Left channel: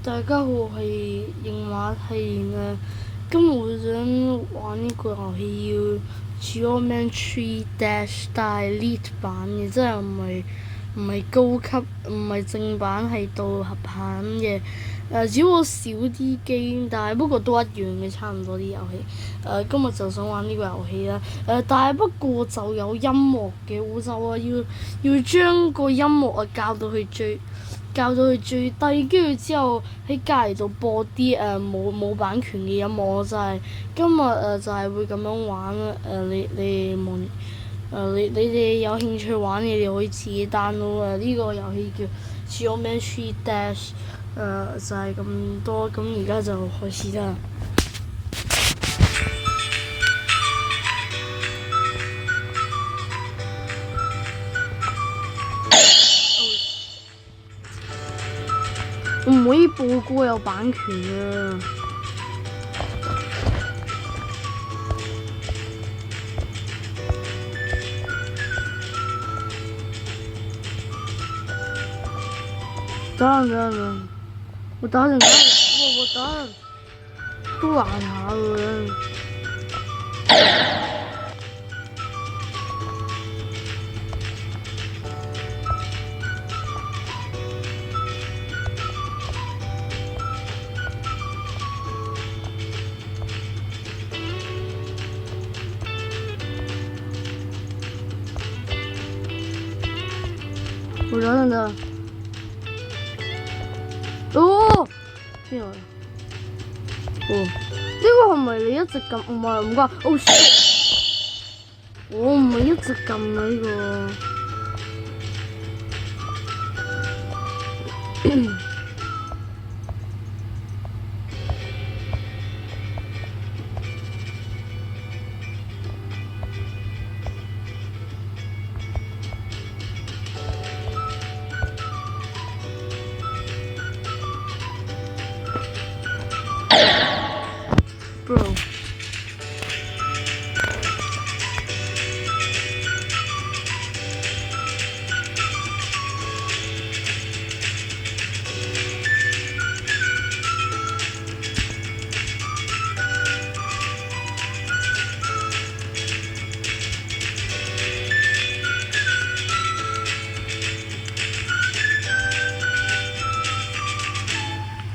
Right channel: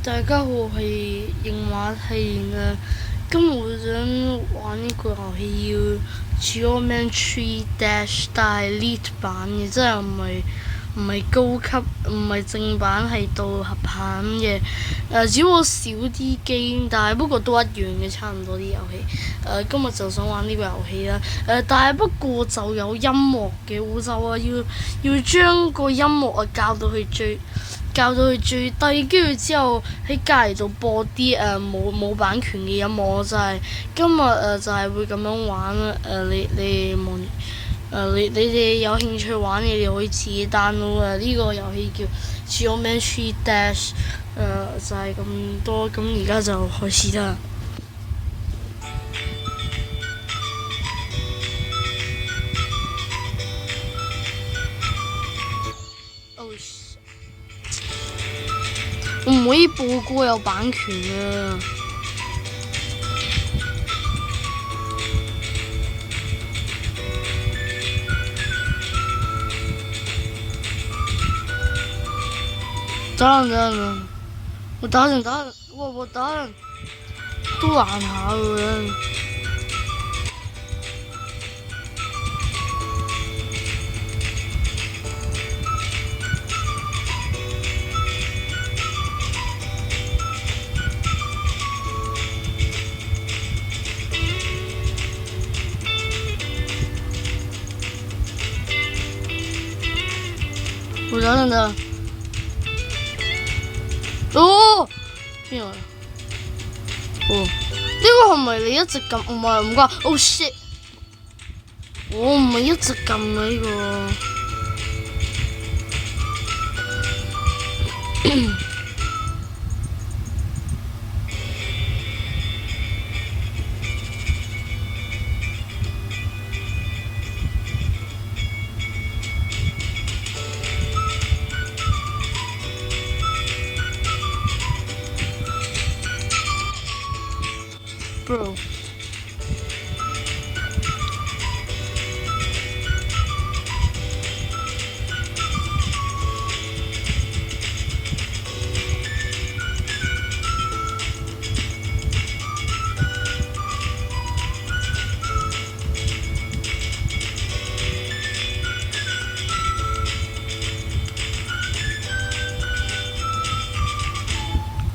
大家好，我係應馬戲嘅。今日我想玩呢個遊戲叫 Geometry Dash，但係 Elite 版嘅，即係唔係高級，唔係正版，係到合版嘅。只不過少啲機，但係不過都一樣嘅，差唔多啲遊戲。今日就想玩呢個遊戲啦。但係不過就有音樂嘅，我就話要將個音樂校到佢最低，跟住之後喺隔離度播啲冇版權嘅音樂，我就係今日就係會咁樣玩啦。你哋有興趣玩嘅，你哋可以自己 download 啊。呢個遊戲叫 Geometry Dash，就係咁多。咁而家就開始啦。我唔可以播歌，有版權啊！等，我打人，都難下嘅。我等。哦，邊個？哦，呢個係咪你一直撳？唔係唔關。Oh shit！我唔係一直撳啊呢個。Bro，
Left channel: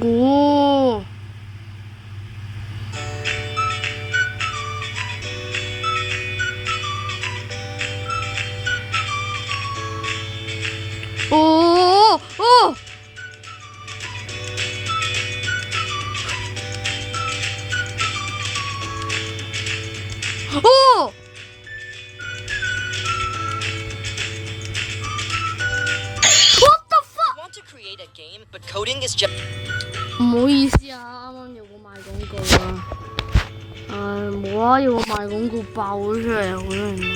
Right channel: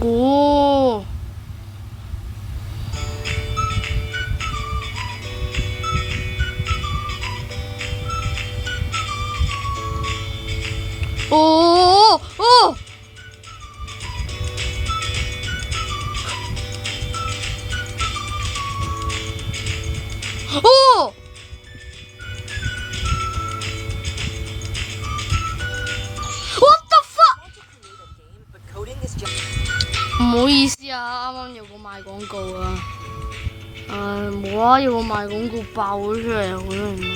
哦。哦哦哦！What the fuck？ 唔好意思啊，啱啱有個賣廣告啊。冇啊，有個賣廣告爆咗出嚟，好多人買。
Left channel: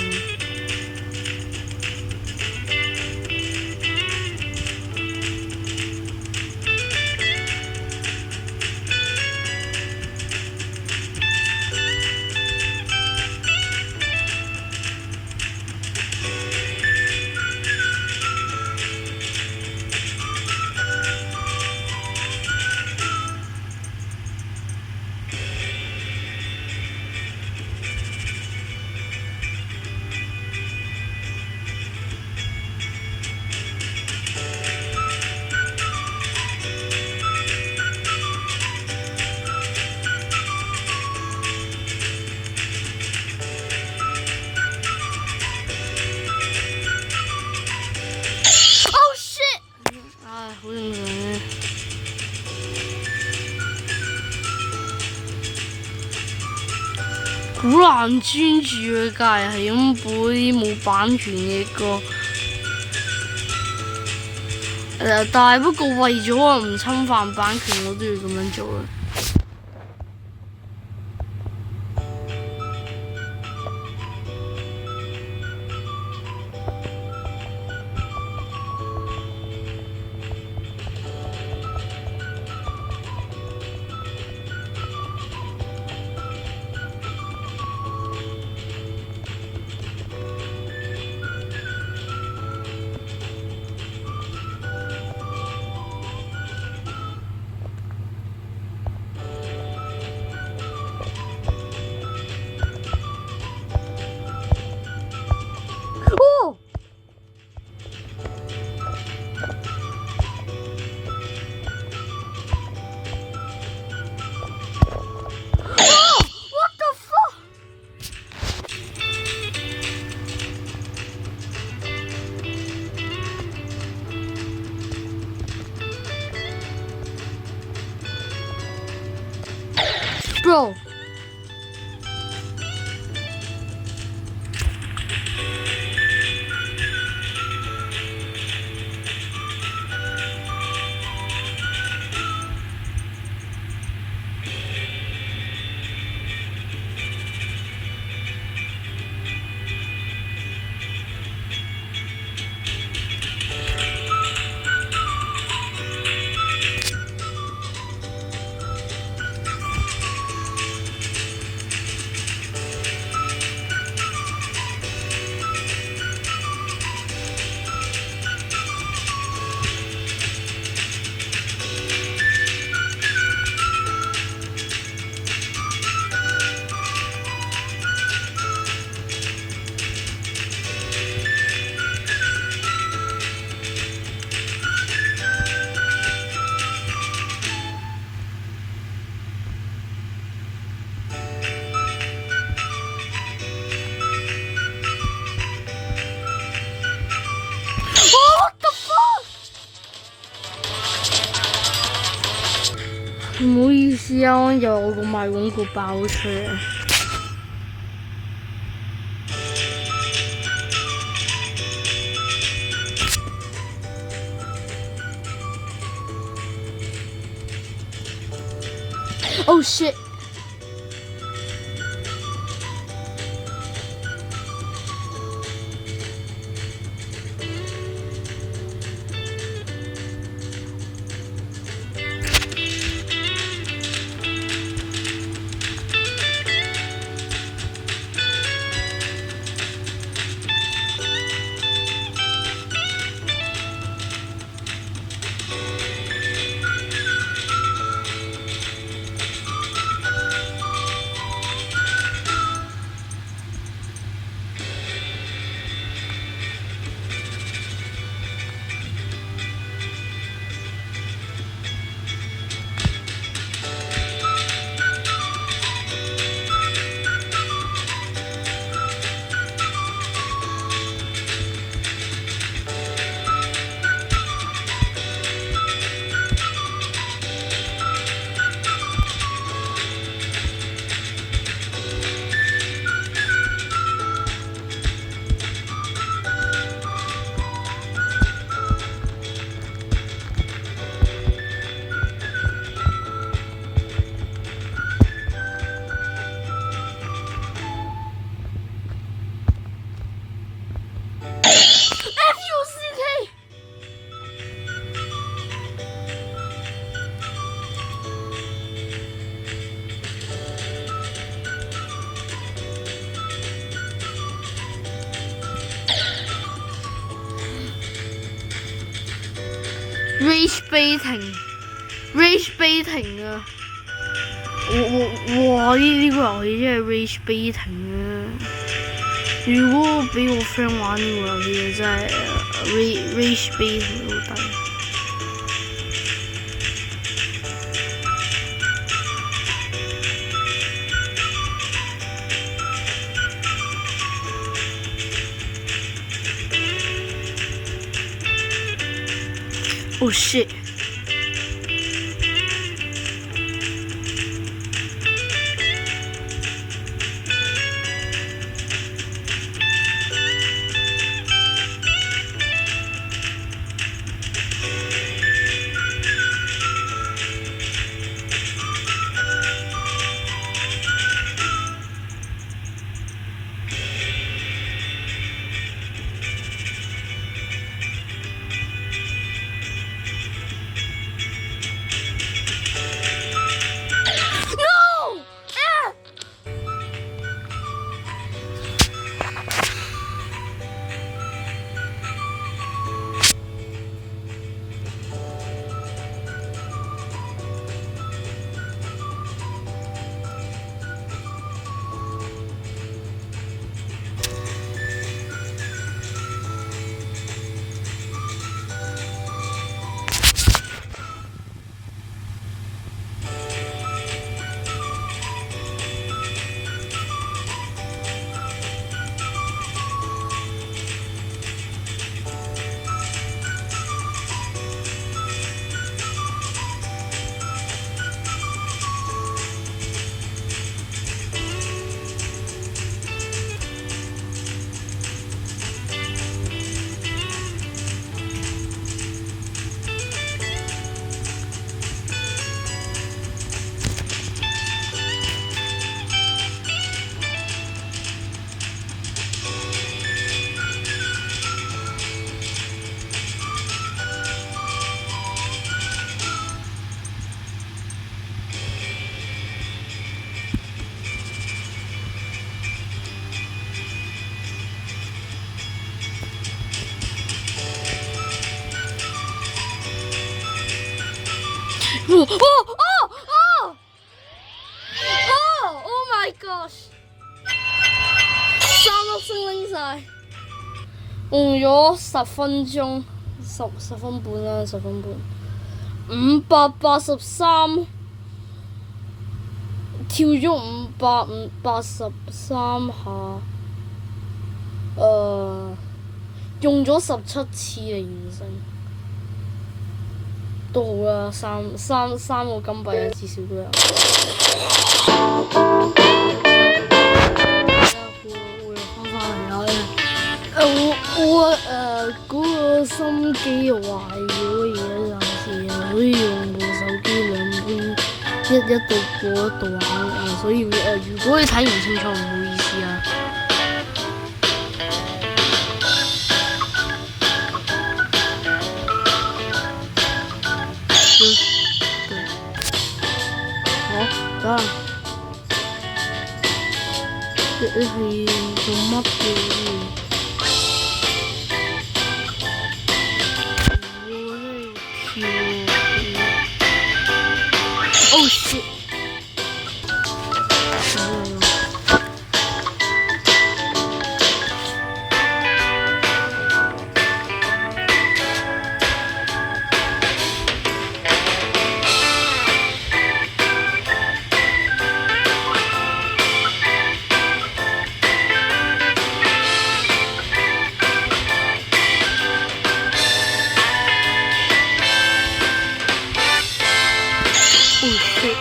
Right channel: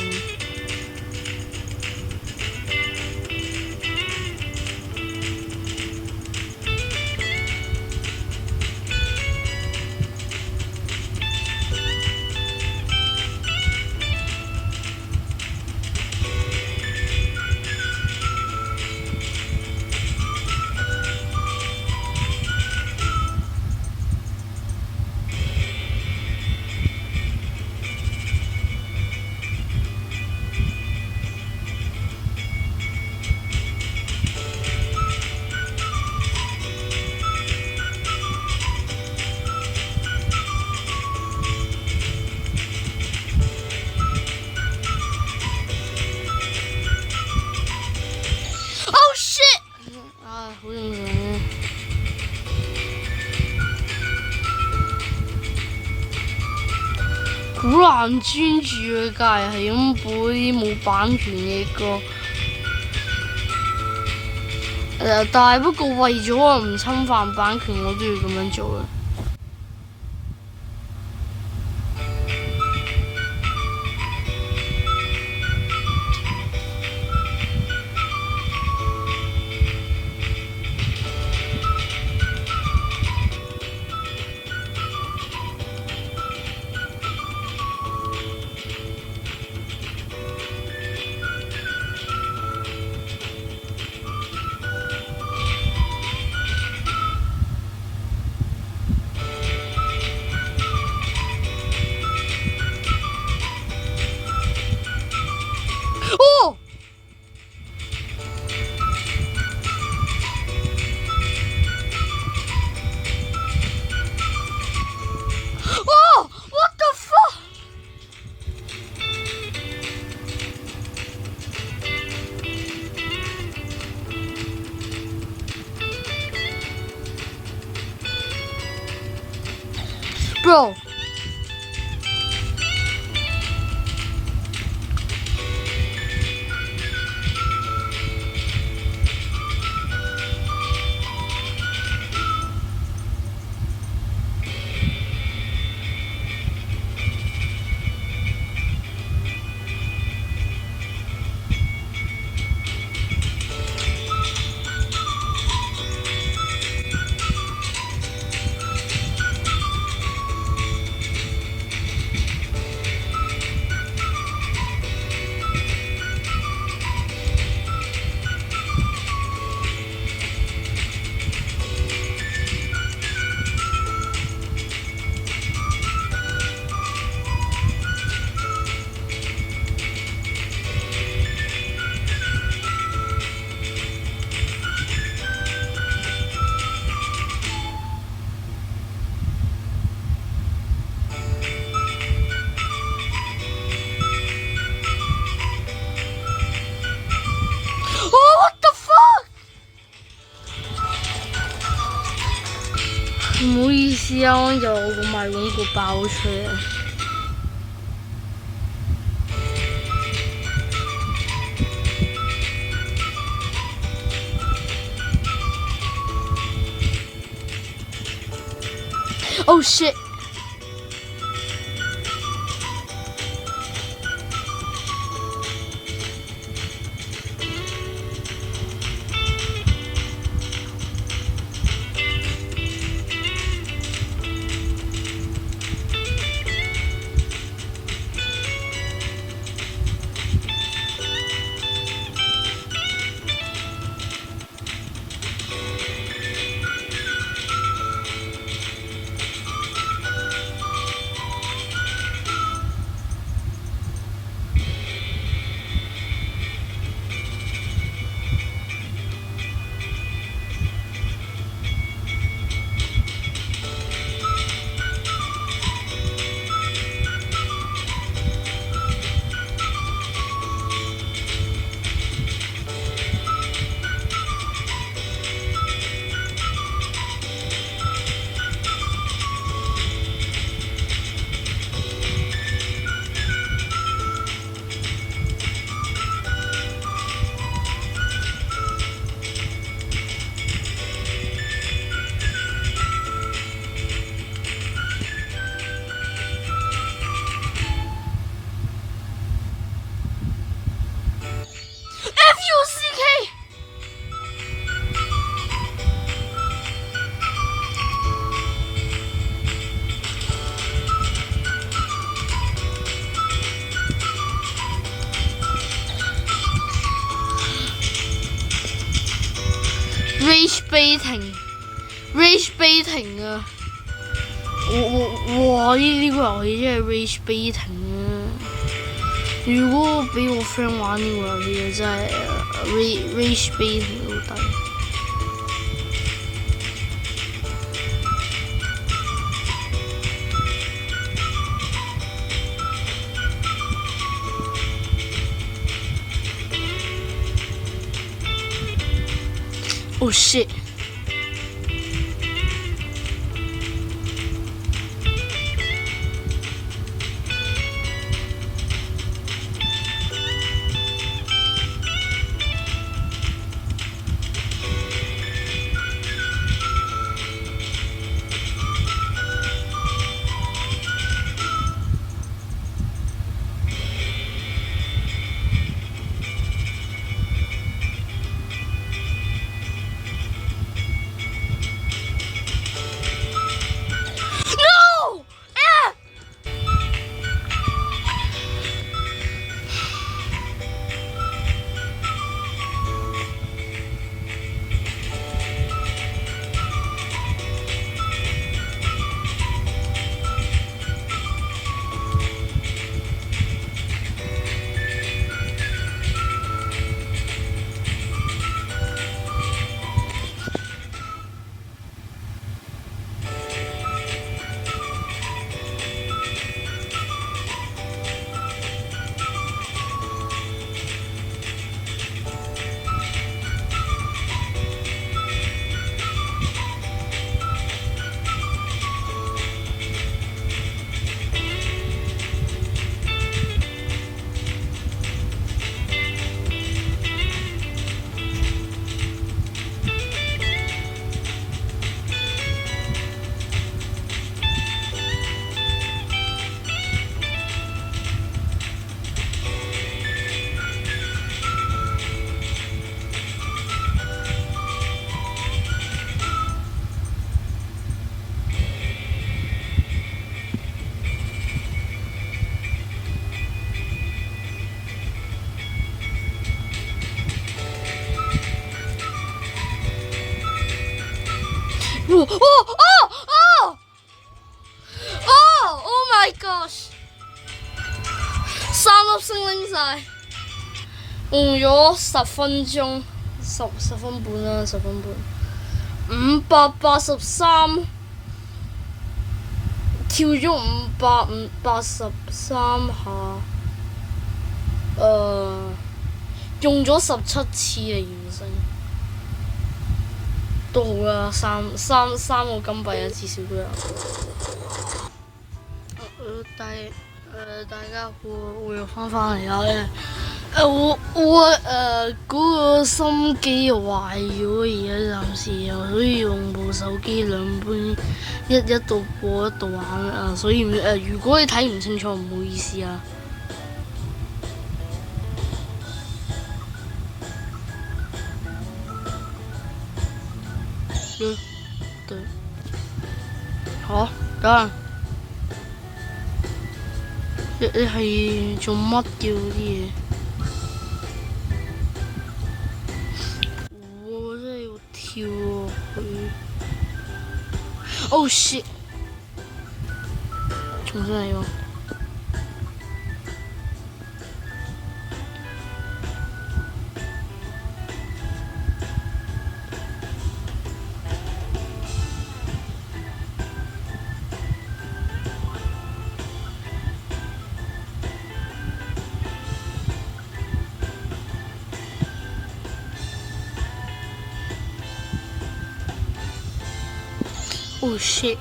好正常嘅。好難專注啊！隔離係咁播啲冇版權嘅歌。但係不過為咗我唔侵犯版權，我都要咁樣做啦。Go！唔好意思啊，我有個賣廣告爆出嚟。Oh shit！Rage baiting 啊！哇！呢個遊戲真係 rage baiting 啊！如果俾我 friend 玩呢個遊戲，真係 rage baiting 好低。Oh shit！哦哦哦哦 ！Oh my gosh！ 3粒星拎晒，用咗10分鐘，十分半啦，10分半。583，跳咗583下，用咗17次嚟完成，都好啦，三個金幣啊，至少都有。會翻嚟啦。我嗰個心機壞咗，而家暫時又可以用部手機兩邊一度播一度玩啊，所以如果你睇唔清楚，唔好意思啊。對，好，等下。你係做乜嘅啲嘢？我真係要跳喎！Oh shit！ 真係喎。Oh shit！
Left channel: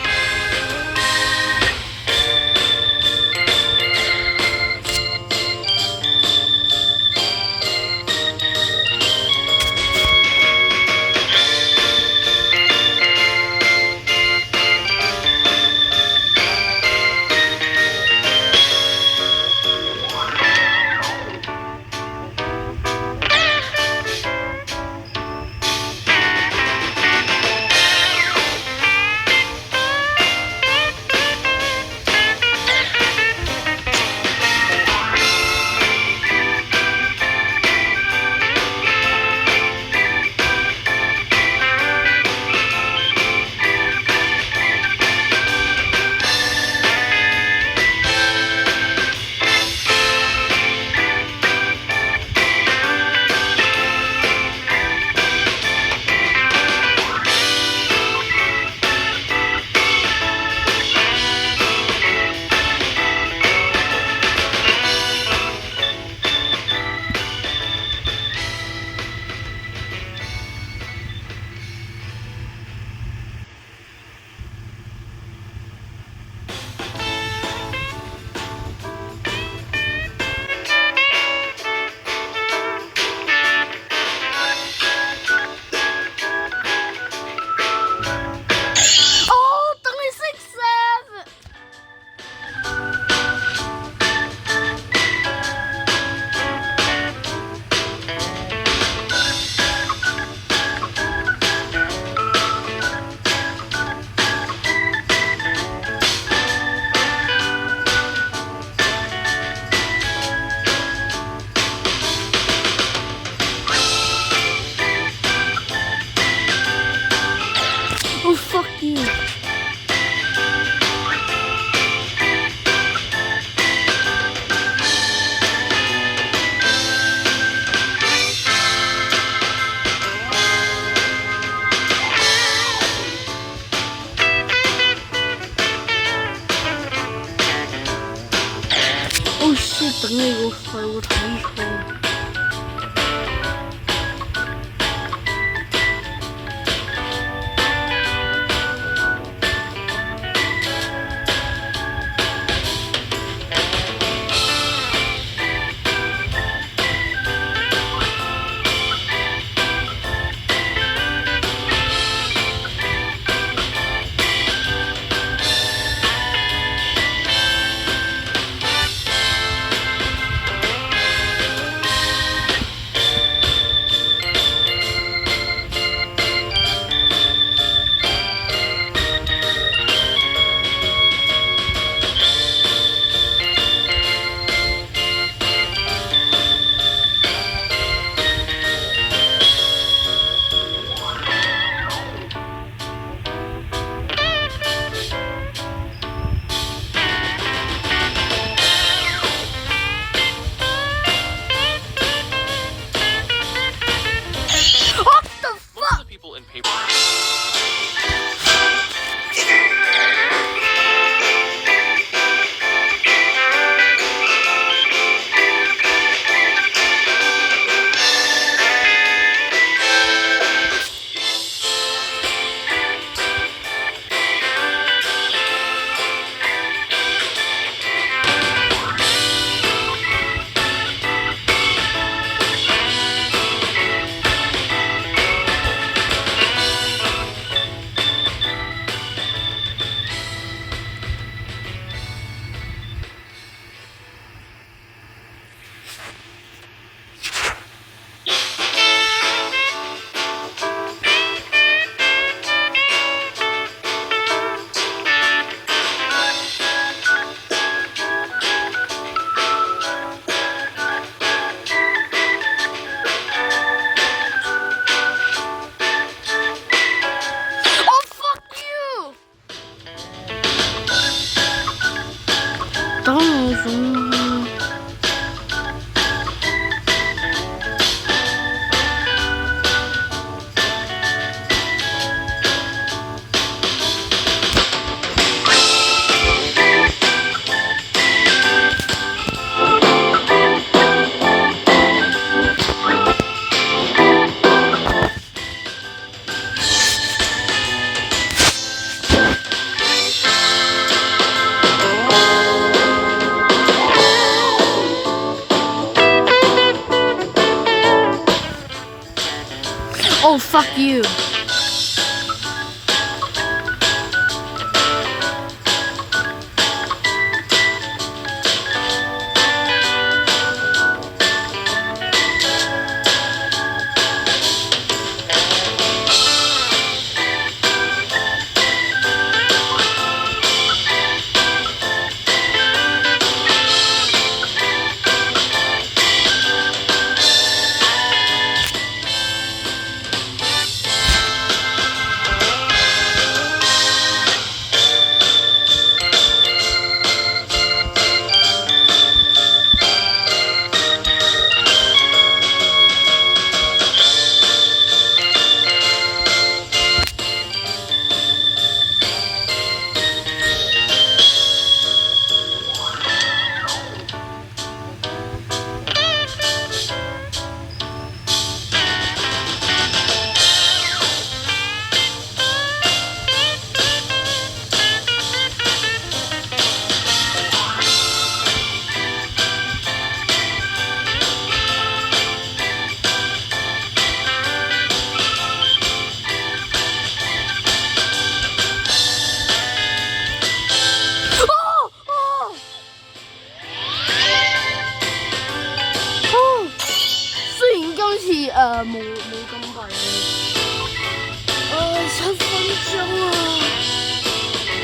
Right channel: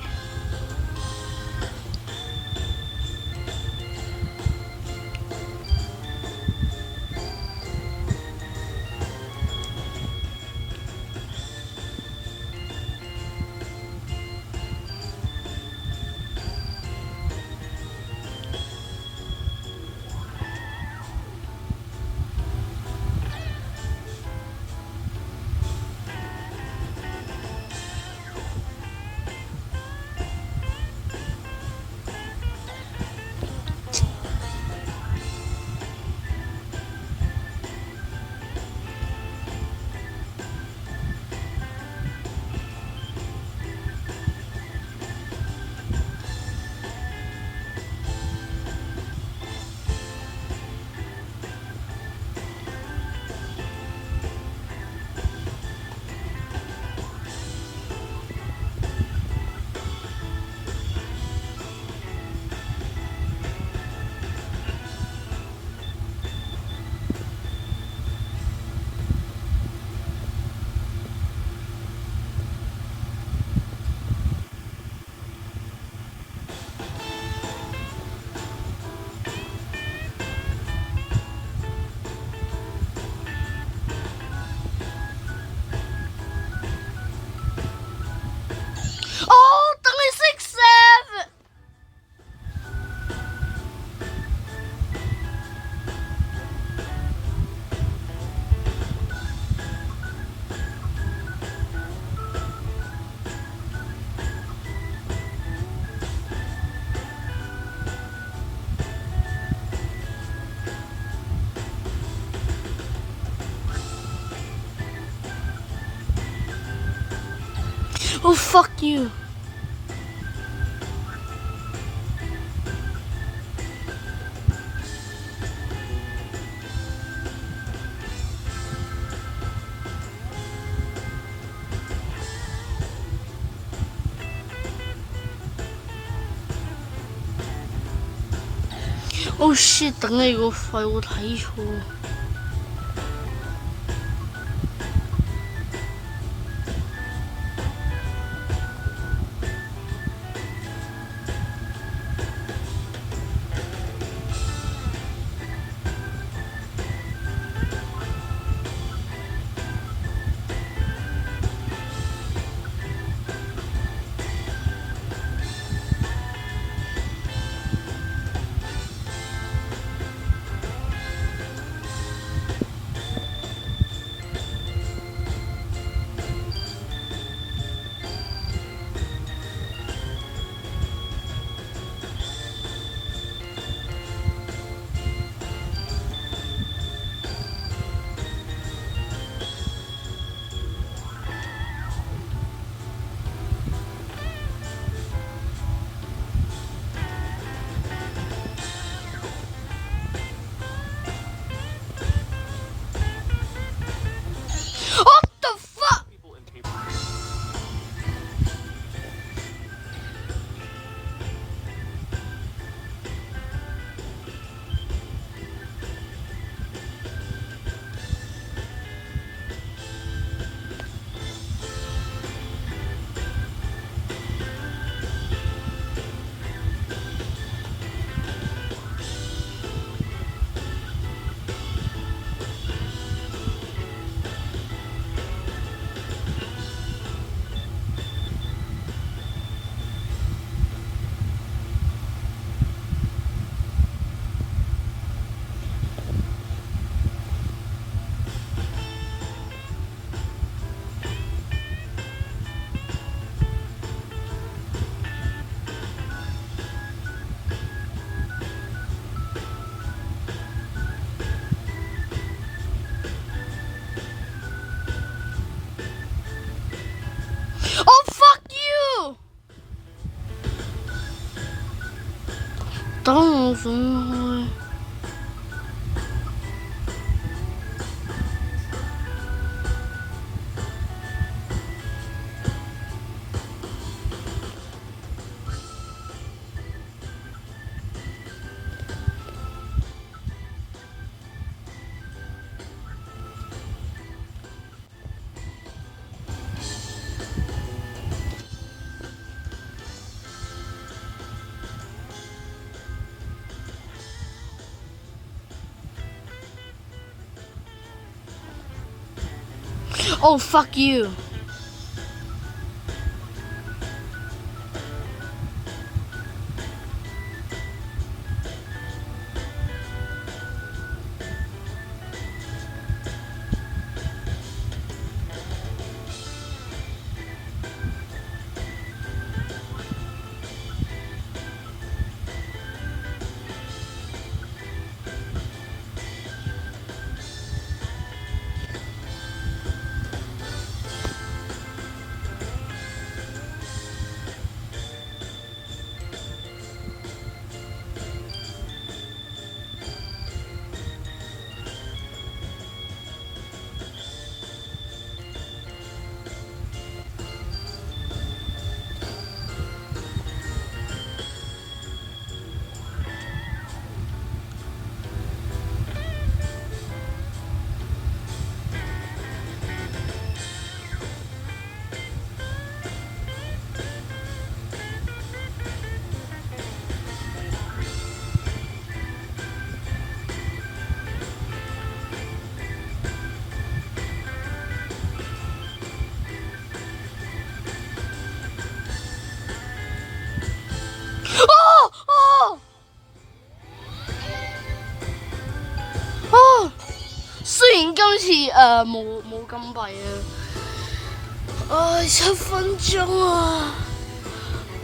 Oh fuck you！ Oh shit！ 等你個肺，我睇錯。等我想。Oh, fuck you.雖然今次冇金幣7分鐘啊，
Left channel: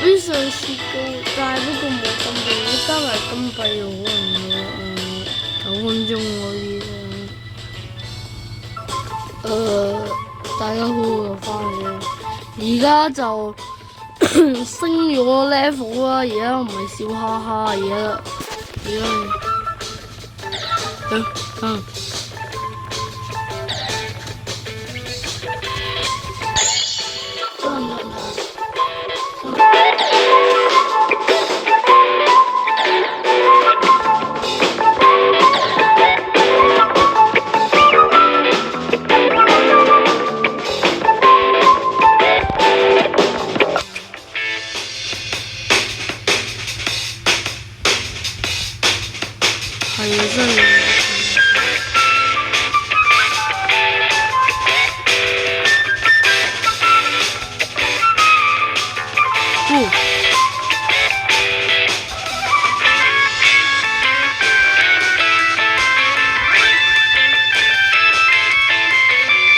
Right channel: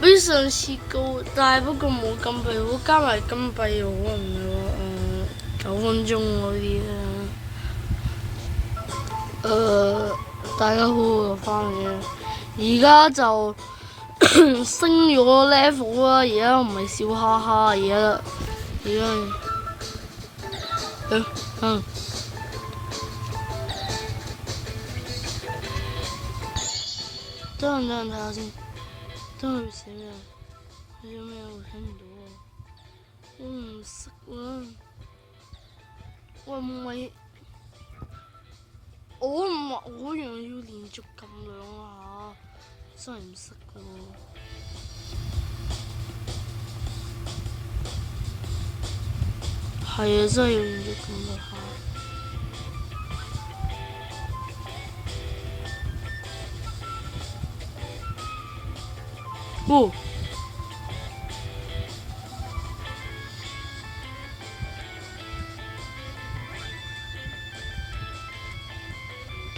比上次高，但係不過冇金幣，如果加埋金幣可能有9分鐘嗰啲大家好又翻嚟，而家就升咗 level 啦，而家唔係笑哈哈，而家係啊，真係。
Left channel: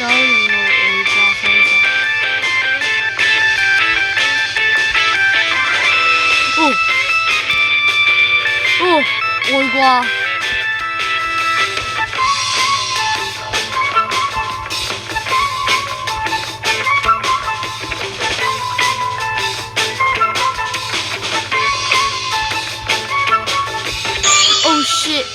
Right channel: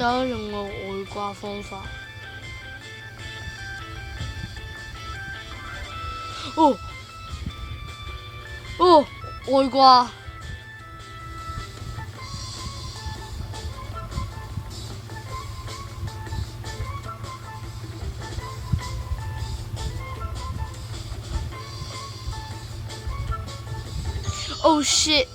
都用到外掛方法。外掛。Oh shit!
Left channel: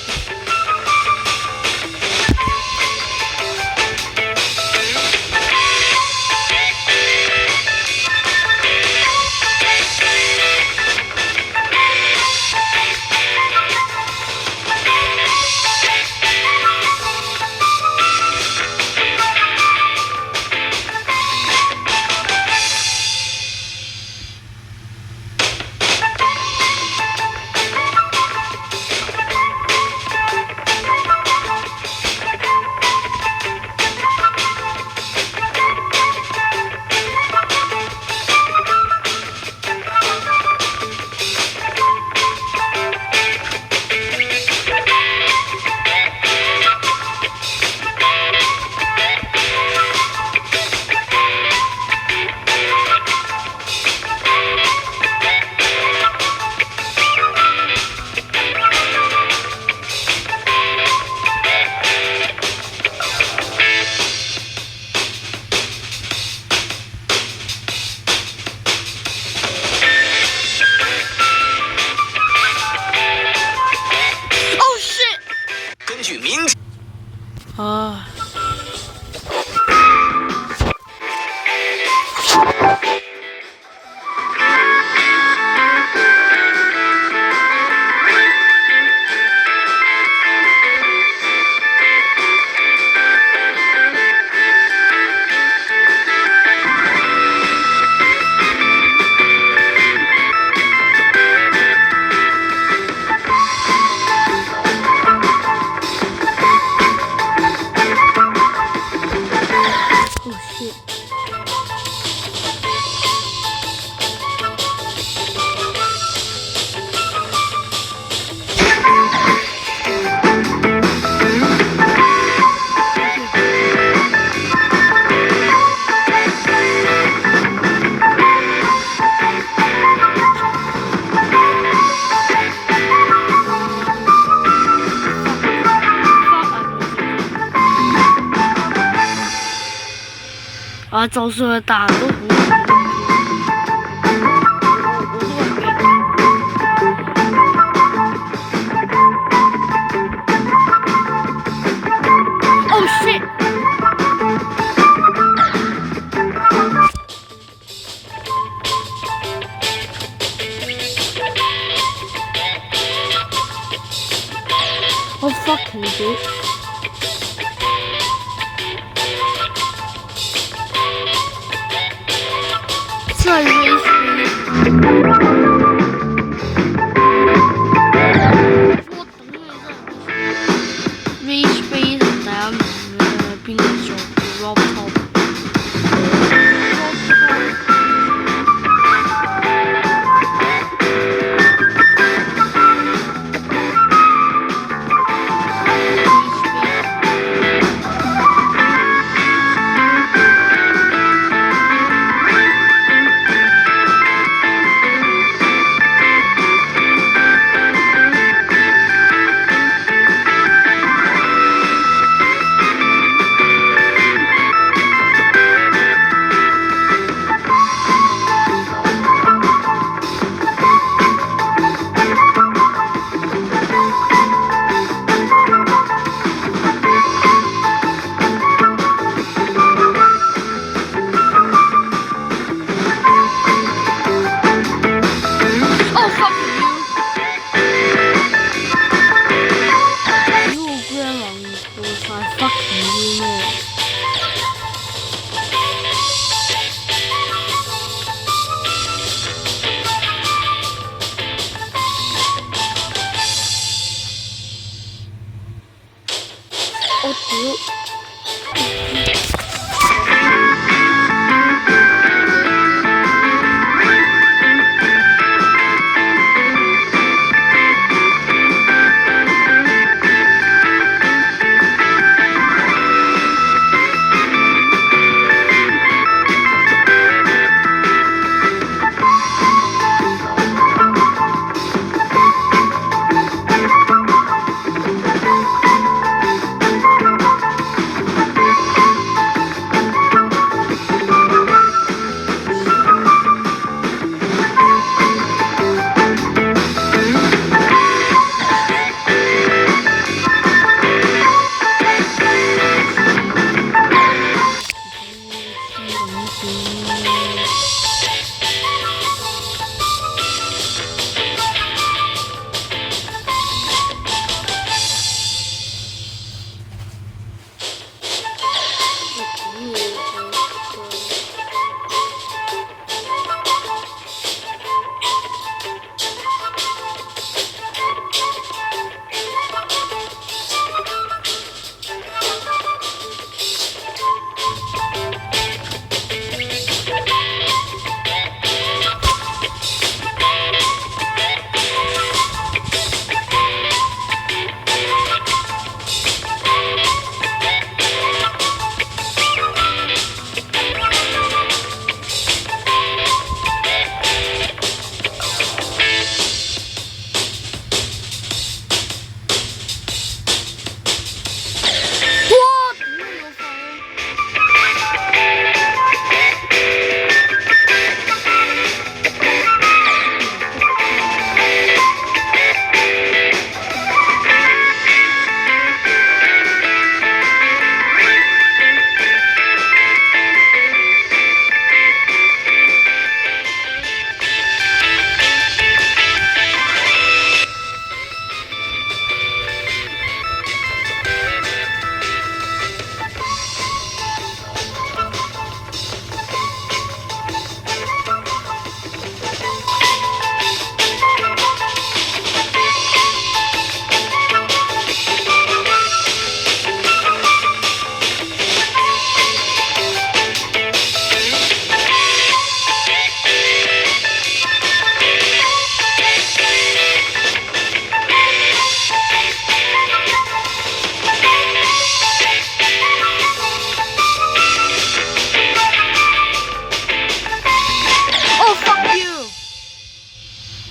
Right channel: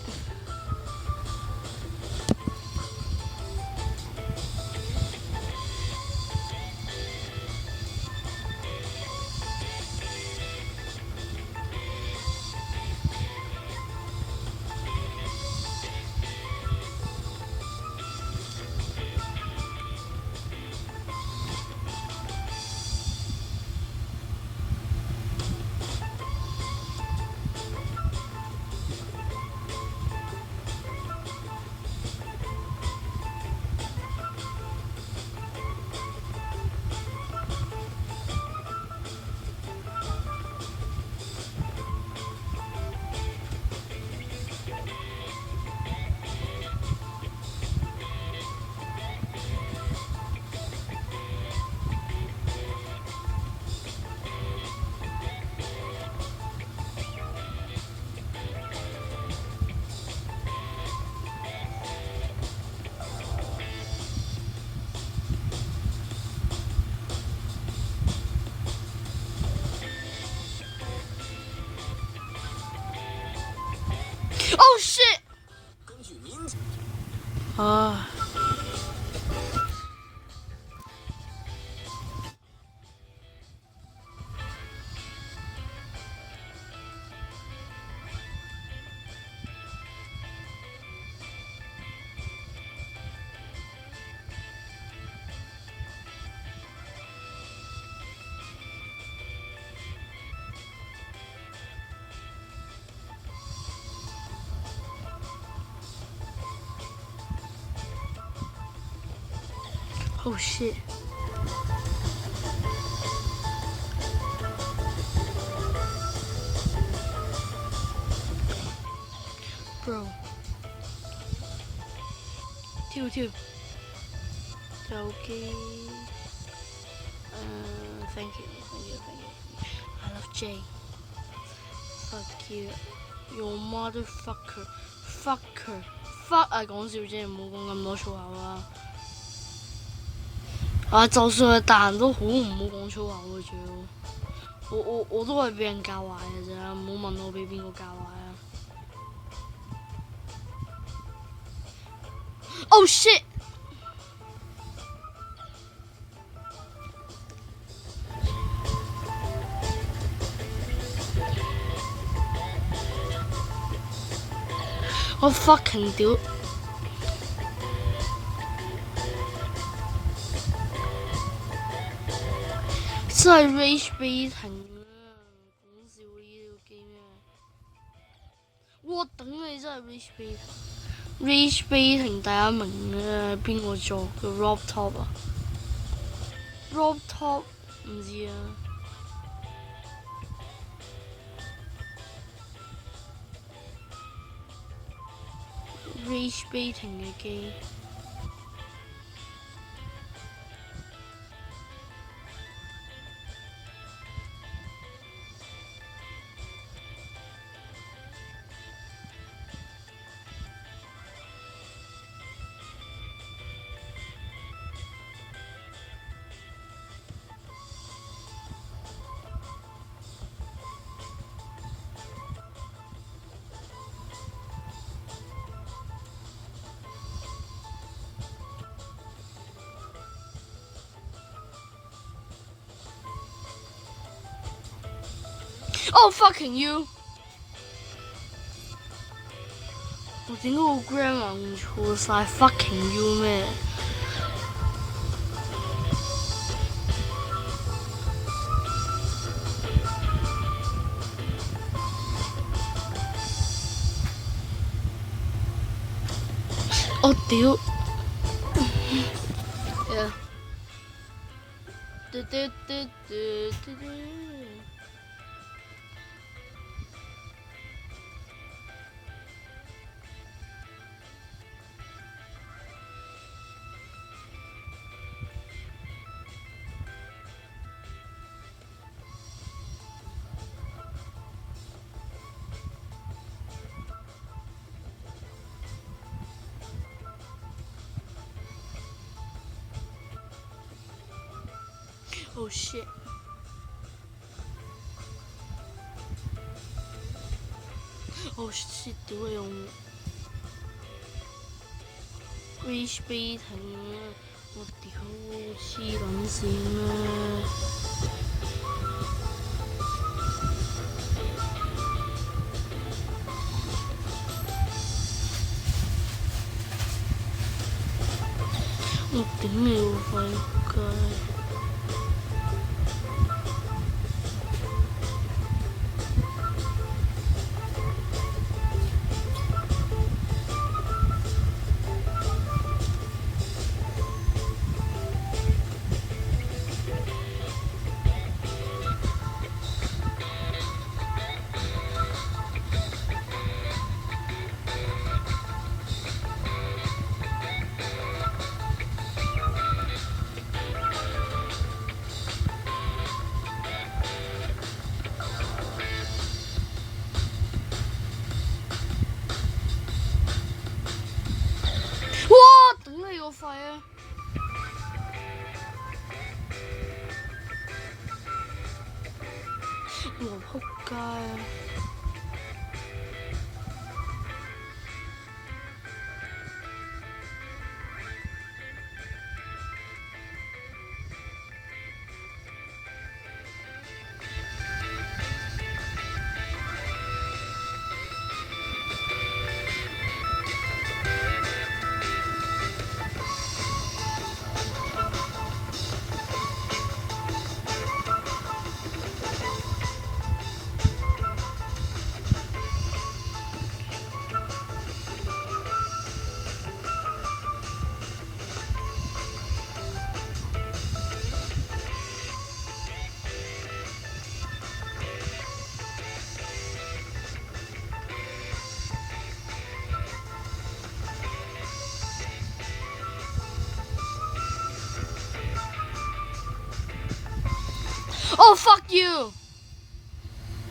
係就算係大人都好唔好我都係俾人搞。Oh shit！我 fucking do！真係 rage bait！我等你真係 rage bait 同第一名咧，邊個做 Rob Top？Rob Top。Oh fucking you！ 屌我 grandma 唔錯晒 fucking you 咩？我屌！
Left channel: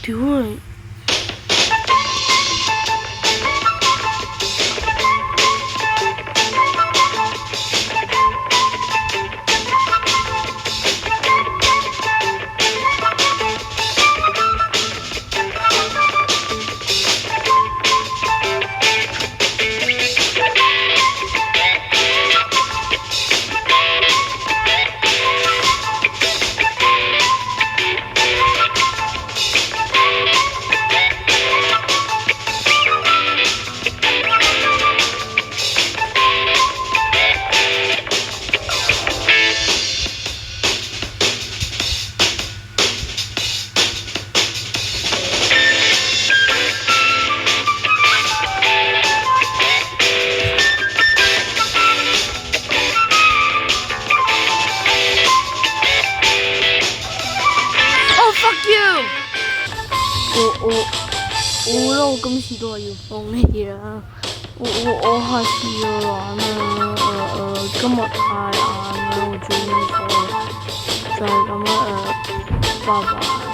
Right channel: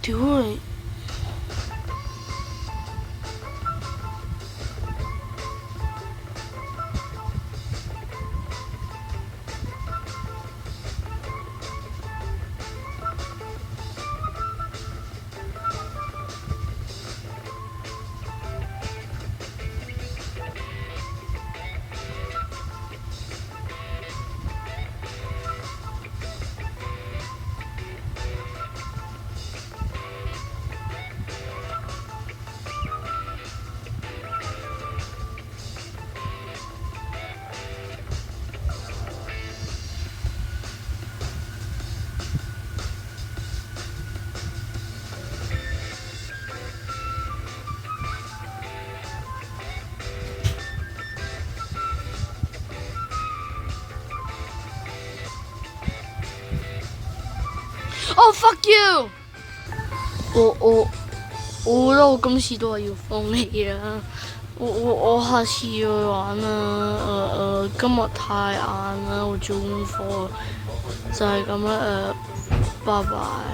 屌你！我覺得我今次都係要放棄啦。我下次要玩啦。今日太晏啦，我做功課就係咁啦。拜拜。